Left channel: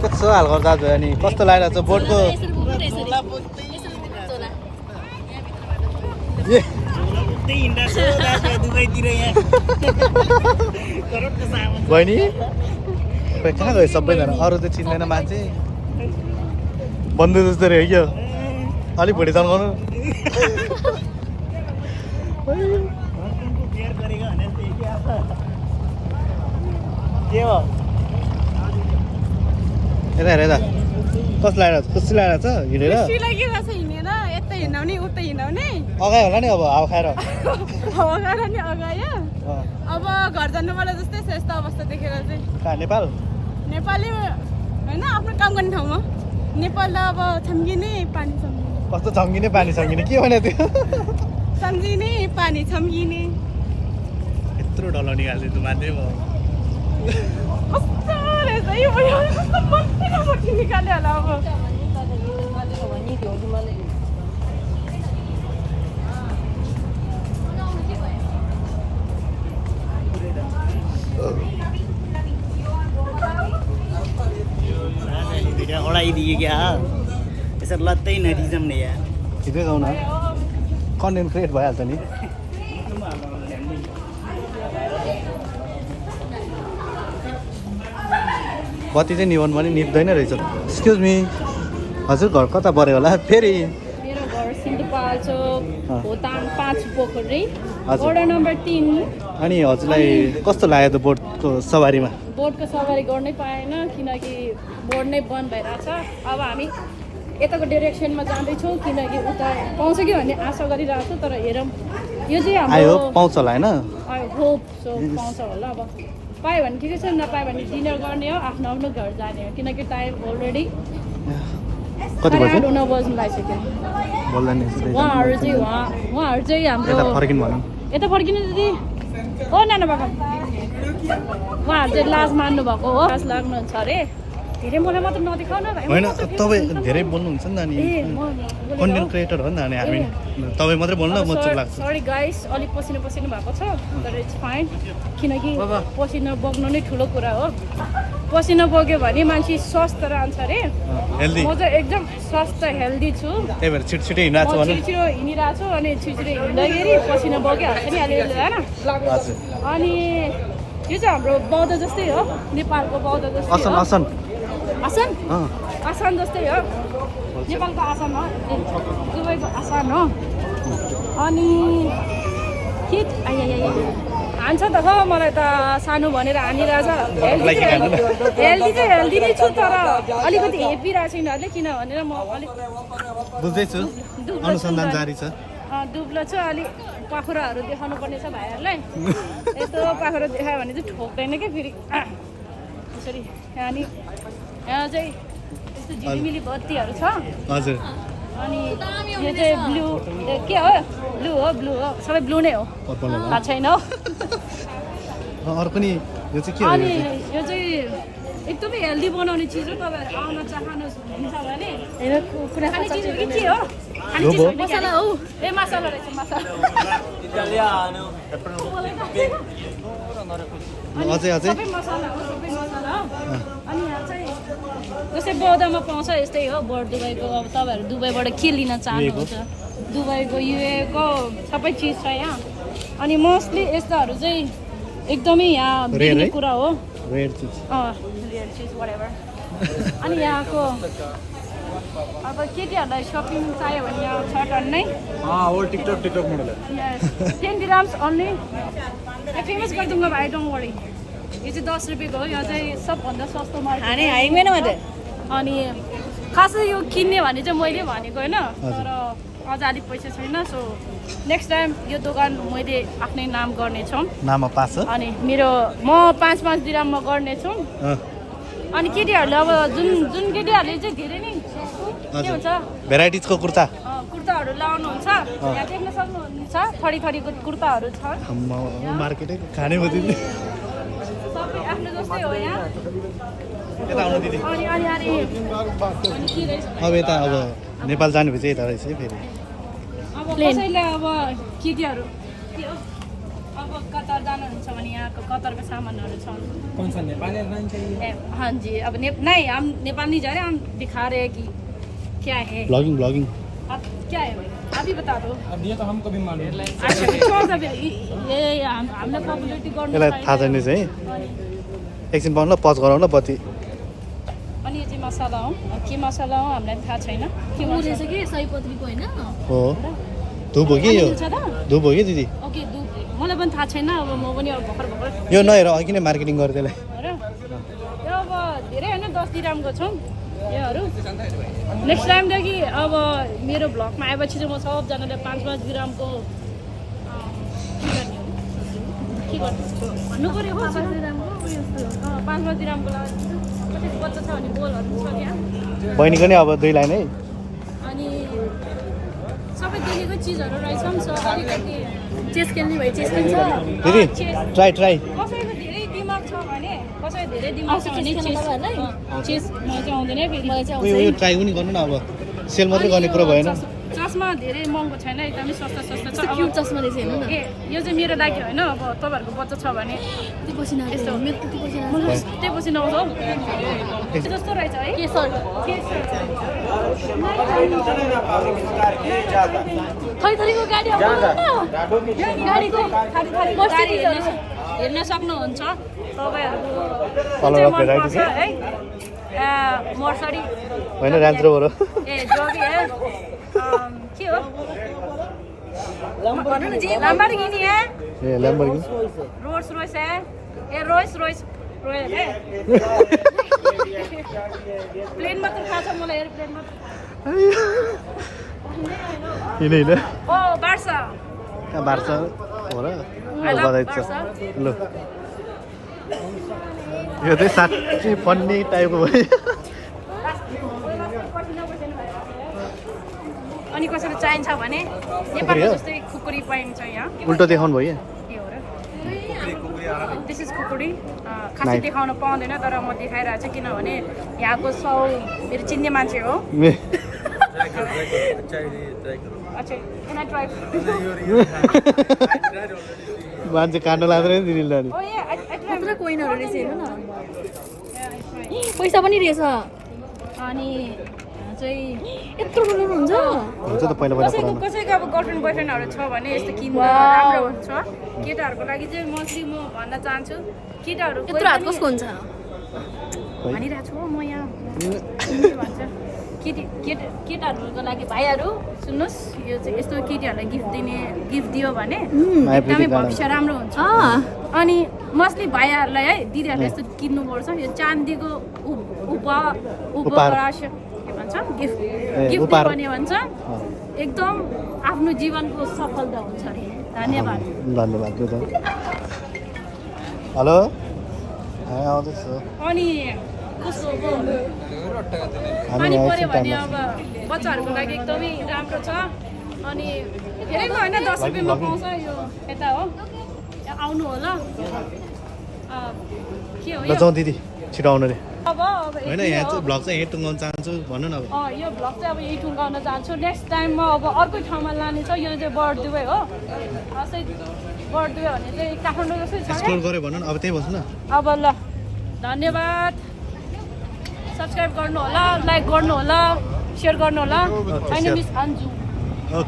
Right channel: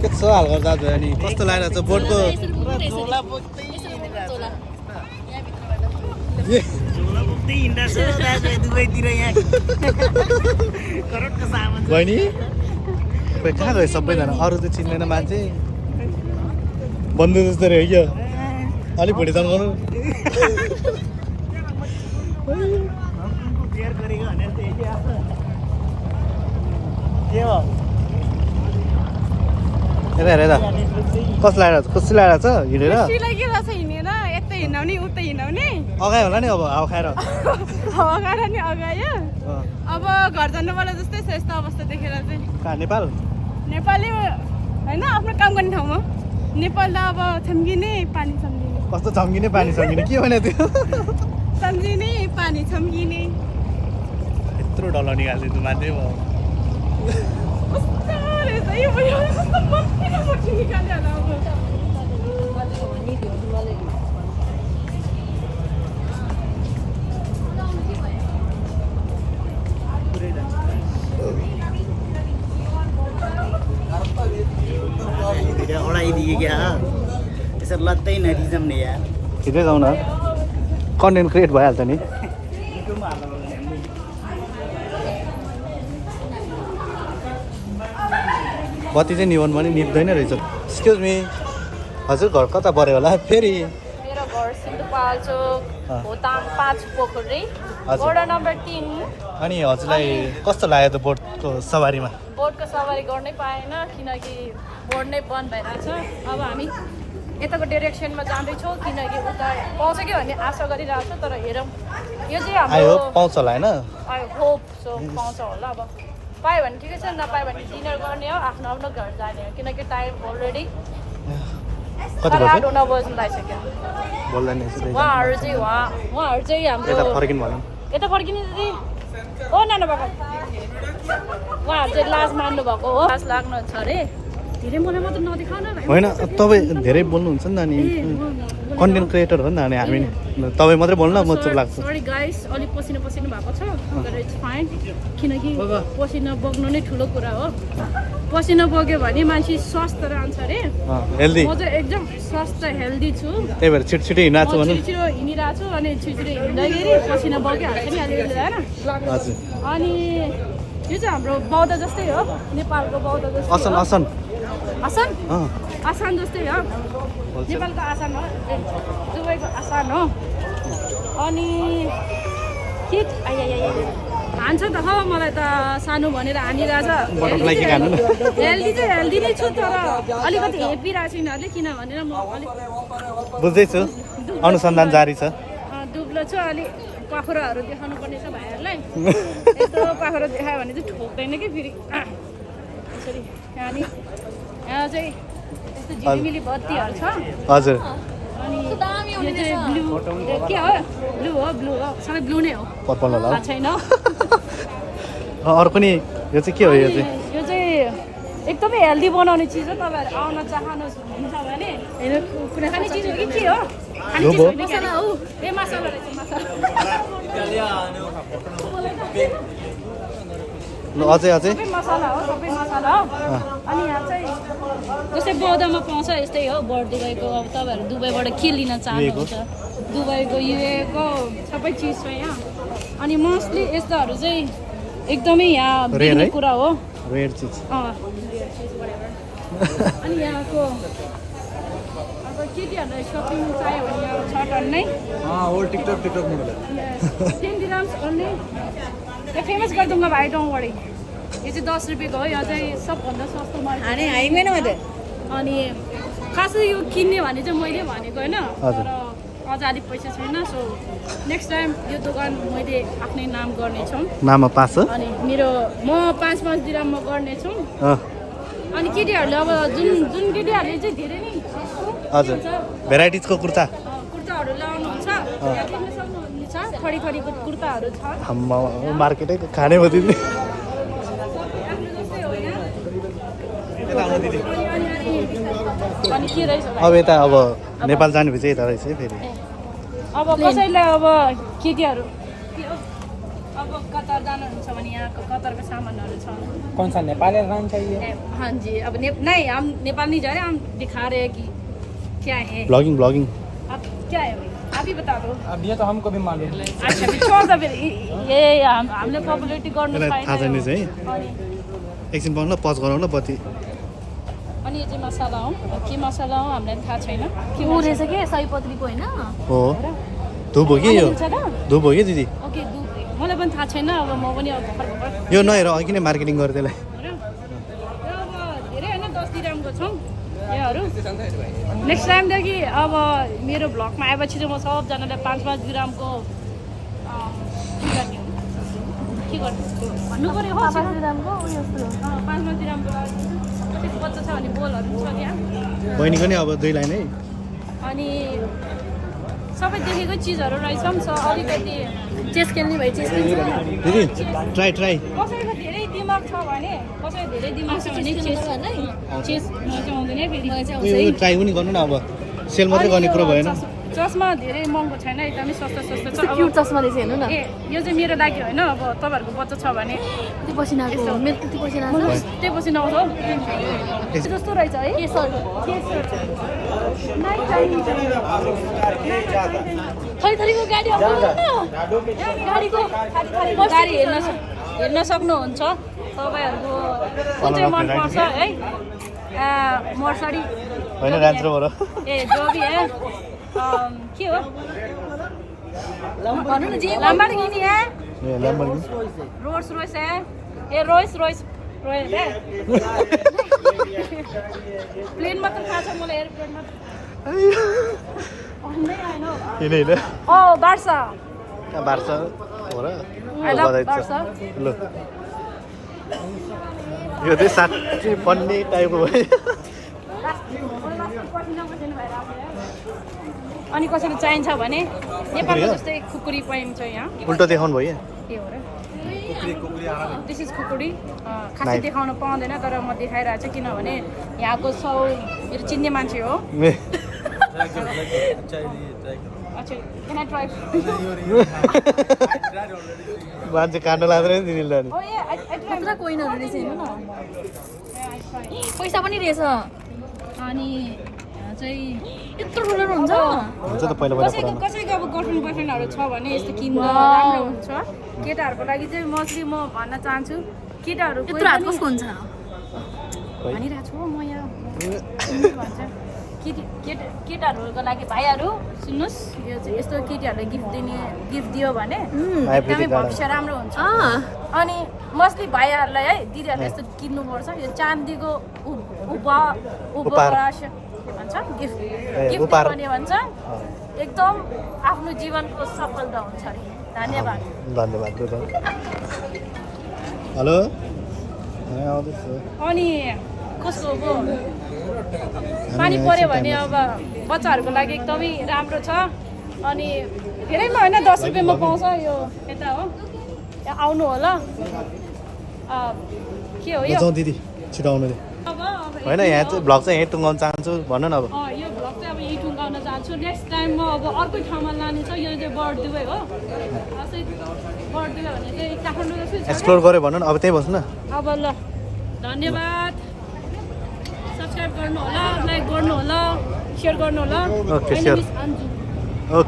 के छ हाल गर्दा दाजु अनि कस्तो लागिरहेको छ बोटको बहिनी कहाँ गयो सबैजना अरू त चिन्दैन मान्छे बन्धु जस्तो रह्यो क्या अलिक भुँडी तन्काउनु यता हेर यता कस्तो लागिरहेको छ कस्तो लागिरहेको छ हिँडेर यता हिँडाउने उता हिँडाउने अगायो होला नि अब हावा खाएर हावा खाएर नि अगायो अब घर जानुपर्ला जस्तै छ यस्तो अवस्था देखेर चाहिँ कहाँ नेपाल नेपाली होइन आफ्नो काम गर्ने ठाउँमा नेपाल त अब छम्किने पानी सम्झिने कस्तो छम्किने पानी छम्किने के भने त्यो सम्झिने पानी छम्किने यत्रो डल्लो निकाल्दै तँ मान्छे भयो कस्तो रहेछ यो कस्तो मट्टी निकाल्यो होला अब उडाइदिए क्या यसरी लत्तै नरिजाउने यार ठिकै गाउँ न कन्टेन्ट क्रिएट भइहाल्छ नि बत्ती चाहिँ निभन पनि निप्दैन रहेछ एक्सक्युज मी हजुर घर कता पऱ्यो होला फेरि मेरो घर सिन्धुपाल्चोक भोटाङ 5 पोखरी वडा नम्बर 3 अनि हजुरलाई कस्तो लाग्यो त बोटको सवारीमा बोटको सवारी गर्नै पाएन किनकि बोर्ड नै बन्द भइरहेछ अब हामी यताको डिरेक्सनमा जाँदैछौँ किनकि उता पाउँछ कि भन्ने आशा गरिरहेको छु तर हेरौँ यो चाहिँ हाम्रो पाउँछ होला होइन होप सो पाउँछ होला अब पायो भने ठिकै छ नपायो भने डिनर गर्ने हो आफ्नो आफ्नो घर जाने हो किनकि टाइम अलरेडी 8:30 हुन बज्नु लागिसक्यो उहाँहरू चाहिँ हाम्रो यता फर्किनु दिदी हो नाना बाबा उहाँहरू चाहिँ लाज मान्नु भएको हो लाज लाग्नुहुन्छ अरे धेरै मलाई मात्र नदेखाउ न भाइ होइन तपाईँ धेरै बोल्नुहुन्छ नि नानी कन्टेन्ट क्रिएटर हो नि नानी हामी तपाईँ मात्रै बोल्नु म चुप लाग्छ सरी गाइस अलिक पसिना भएको छ तर इट्स फाइन किनकि पसिना बग्नु नै ठुलो कुरा हो पसिना बग्यो भने मान्छे स्वस्थ रहन्छ अरे हेल्दी म चाहिँ एकदम स्वस्थ हेल्दी छु त्यही भएर छिटो हिँडिरहेको छु छिटो हिँडिरहेको छु अनि छिटो हिँड्दाखेरि पसिना बगिहाल्छ नि अलिअलि होइन अनि यो चाहिँ हाम्रो बौद्ध जस्तै हो नेपालको बौद्ध जस्तै हो आसान जस्तै हो नेपालको आसान हो दुबईको आसान हो अनि हान्छ त हो मलाई त सानो भनेर हानिरहेछ हेल्दी चाहिँ हेल्दी नै छु तर अलिकति हेपिरहेको छैन अरे किन भनेर म अलिक बुझ्दैछु अनुसन्धान जारी छ दुब्लो छु अलिक पाखुराहरू देखाउनु पर्ने छ भाइहरूलाई यस्तो पाखुरा देखायो भने चाहिँ ठोक्दैन कि फेरि यसरी अनि यहाँ चाहिँ यस्तो झिलिमिली बत्तीहरू छ हजुर अनि यो चाहिँ ब्लू के हो ब्लू हो सबै ब्लू नै हो पर्पल होला थाहा छैन अरू पनि यो चाहिँ के हो यो चाहिँ एकदमै हेल्दी बनाउने चिज हो तपाईँहरू आउन चाहनुहुन्छ भने कुनै खाने चिज हो कि के हो खाने चिज होइन मसला हो ए मसला रहेछ मसला अझै सबै मसला हो अनि यहाँ चाहिँ जस्तै बौद्धमा पाउँछ यस्तै हो बर्ड दुबईको अब तपाईँहरू दुबईबाट के लिन चाहनुहुन्छ दुबईको युएको सबै चिज छ यहाँ अनि मोस्टली यस्ताहरू चाहिँ एकदमै यहाँ बिग्ने कुरा हो रेयर चिज whatever अनि यहाँको अब केटीहरूलाई सपिङ चाहियो भने यहाँ छ टन्नै टिकटक मोडल 10 dirhams only यो फेमस गरिदुङ्गा भाइ डोन्ट वरी यो चाहिँ 10 रुपियाँको हो यहाँ चाहिँ सबभन्दा सस्तो मार्केट अनि खासै यो किन्ने भने चाहिँ मैले भनेको होइन तर अझ अलिक पैसा छैन सो नेक्स्ट टाइम यो दोकान मैले आफ्नै नाम गर्नेछु नाममा पास अनि मेरो म 5 दिराममा गर्नेछु अनि केटीहरूले अब जुन केटीहरूले चाहिँ धेरै नै के हुन्छ भेराइटिजको कुर्ताहरू लाउनुहुन्छ यहाँ देख्न सक्नुहुन्छ थरीको कुर्ताहरू छ मार्केटै खाने भयो दिदी सबै आफ्नो जस्तै हो यहाँ अनि के रहेछ अब यता अब नेपाल जाने भए चाहिँ यता रहेछ है फेरि अब कसैलाई अब केटीहरू अब कतार जानुहुन्छ भने यहाँको कतारको सामानहरू छ कौन सा नेपाली रहना चाहिए? हाँ जी अब नहीं हम नेपाल नहीं जा रहे हम दिखा रहे हैं कि क्या है ब्लगिङ आप क्या है भाई आप ही बता दो अब ये तो हमको भी मालूम है। अच्छा फिर छोड़ दो फिर ये हामीले पपुलेरिटी गर्नु यसलाई थाहा छैन चाहिँ अनि एकछिन पाउनु ल पज गराउन बत्ती अनि यो चाहिँ मसला हो के मसला हो हामीलाई थाहा छैन के रहेछ कि सयपत्रीको होइन हो धुप हो कि यो छ त धुप हो कि दिदी ओके दुध मलाई पनि थाहा छैन अब म पनि अब भर्खर भर्खर यो नहेर अघि नै मार्केटिङ गरेँ त्यसलाई हो र? यो अब धेरै होइन 10 दिरामको छौँ योहरू नेक्स्ट टाइमदेखि अब मेरो भ्लगमा आएपछि चाहिँ म सबजनाले 5-5 दिरामको के गर्नु भन्नु पऱ्यो हो 5-5 दिरामको लागि कति बच्चा छ भने बोलहरू छ त्यहाँ बहिनीको नि अब 2 लाइन है अनि सबै देखेकै चिजहरू रहेछ नि छ अलिकति चेस खेल्ने भए चेस खेल्छ दिदी चेस ट्राई कसैको धेरै दिमाग छ भने कसैको धेरै दिमाग छ भने चेसमा चाहिँ आउँदैन फेरि यो ट्राई पनि गर्नु न अब सेल मात्रै गर्ने कुरो भएन चस्मा धेरै महँगो छैन एकदमै सस्ता सस्ता छ अब क्युट चस्मा रहेछ हेर्नु न ए यो चाहिँ मेरो लागि होइन अब तपाईँहरूको बच्चा छ भने कति पसिना यस्तो हो। मेरो कति पसिना म त्यही पछि नआउँछ हौ जस्तो रहेछ है गाडी हेर्न सक्नुहुन्छ Colour of variety छ? मर्सडी होइन रेन्ज रोभर हो ए डबी है के हो भन्नु न जे लम्बरगिनी है ए ल्याम्बोर्गिनी रोल्स रोयस है ये रोयस रोयस रोयल है प्लेन मात्र थाहा छ मलाई एयरप्लेन मात्र किन होइन ओ Barca Barca I love Barca ल यो चाहिँ साँच्चै फन्नी टाइपको हो अनि कसैले चाहिन्छ भने नेपालमा जस्तै खुकुरी पाइन्छ यहाँ उल्टो देखाउनु भयो के हो र दिस इज खुकुरी खासै देखाउन पाउँदैन तर म देखाइरहेको छु किनभने यहाँको मेरो चिन्ने मान्छे हो अच्छा can I try? मान्छे काट्न लाग्दैन नि दिदीले Oh yeah, I try. पुरा कोइनहरू रहेछ हेर्नु न पैसा पनि रहेछ अनि चाहिँ यत्रो ठुलो हुन्छ हुन्छ त पहिला कसैको अब गर्लफ्रेन्ड बोयफ्रेन्डहरू छ भने यस्तो किन्दा Wow. राम्रो हुन्छ केटाहरूको लागि चाहिँ मोस्टली म भन्न चाहन्छु केटाहरू कोही यत्रो हात पनि- कसको हुन्छ भनिरहेको छु म यहाँ के भन्छ केटाहरूको लागि भाइहरू सुन्नुहोस् यो चाहिँ यस्तो केटीहरूलाई गिफ्ट दियो भने एकदमै भविष्य राम्रो हुन्छ अनि मोस्टली भाइहरूलाई है दिदीहरूले यस्तो किन्नुपर्छ यो चान्दीको उपहार के भन्छ गिफ्ट दियो भने भन्छ एकदम आफ्नो जीवनको सफलता हुन्छ अरे धन्यवाद हेलो आउँदैछ अनि कस्तो हो पानी पऱ्यो भने अब बच्चाहरूको लागि एकदमै राम्रो छ अनि धेरै होइन 10 रुपियाँमा पाउँछ यो यता हो यहाँ आउनु होला के हो यो जाउँ दिदी छिटो आउनु रे अब होइन यहाँ चाहिँ भ्लग चाहिँ यहीँ टुङ्गाउनु चाहन्छु भन्नु न अब यो भ्लग चाहिँ अब यही टुङ्गाउन चाहन्छु नेक्स्ट टाइम म अब अर्कै ठाउँमा लाने छ यो चाहिँ बर्डदुवै हो चाहिँ बर्डदुवै भने चाहिँ काठमाडौँ जस्तै छ एक्सप्लोर गऱ्यो भन्नु न अब त्यहीँ बस्नु न अब ल धन्यवाद सब्सक्राइब गर्नु होला लाइक गर्नु होला सेयर गर्नु होला Okay, My name sure. is Anju okay